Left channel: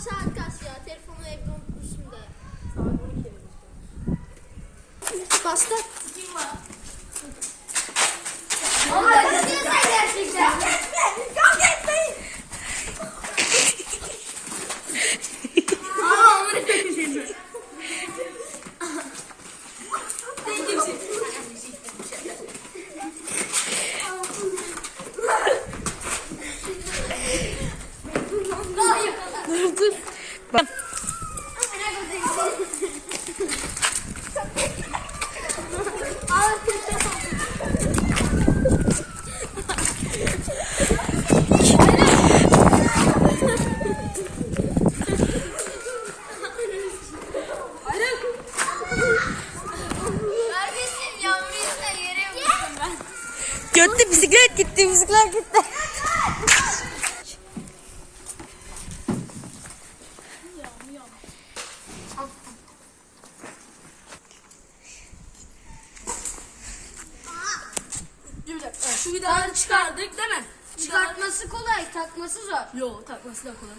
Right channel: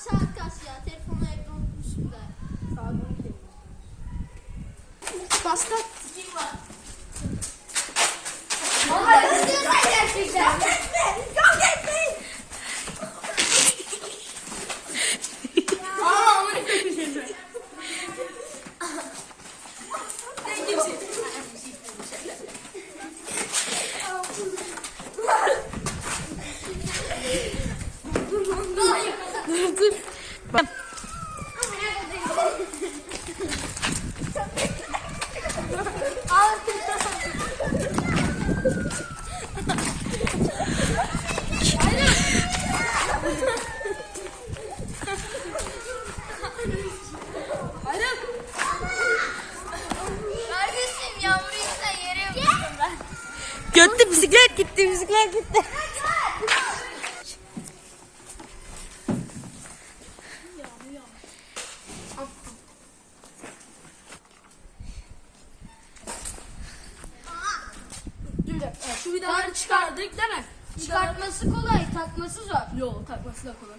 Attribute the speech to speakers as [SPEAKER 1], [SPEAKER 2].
[SPEAKER 1] saat kaç ya? Telefonu
[SPEAKER 2] evde unutmuşum da. Saat 12. Pasta. Kim var? Bak.
[SPEAKER 1] Götte bisiklet gitti bisiklet gitti.
[SPEAKER 3] Evet. Şu vidaları çıkardık değil mi?
[SPEAKER 2] Çıkartması kolay, takması zor.
[SPEAKER 3] Yok takması da kolay.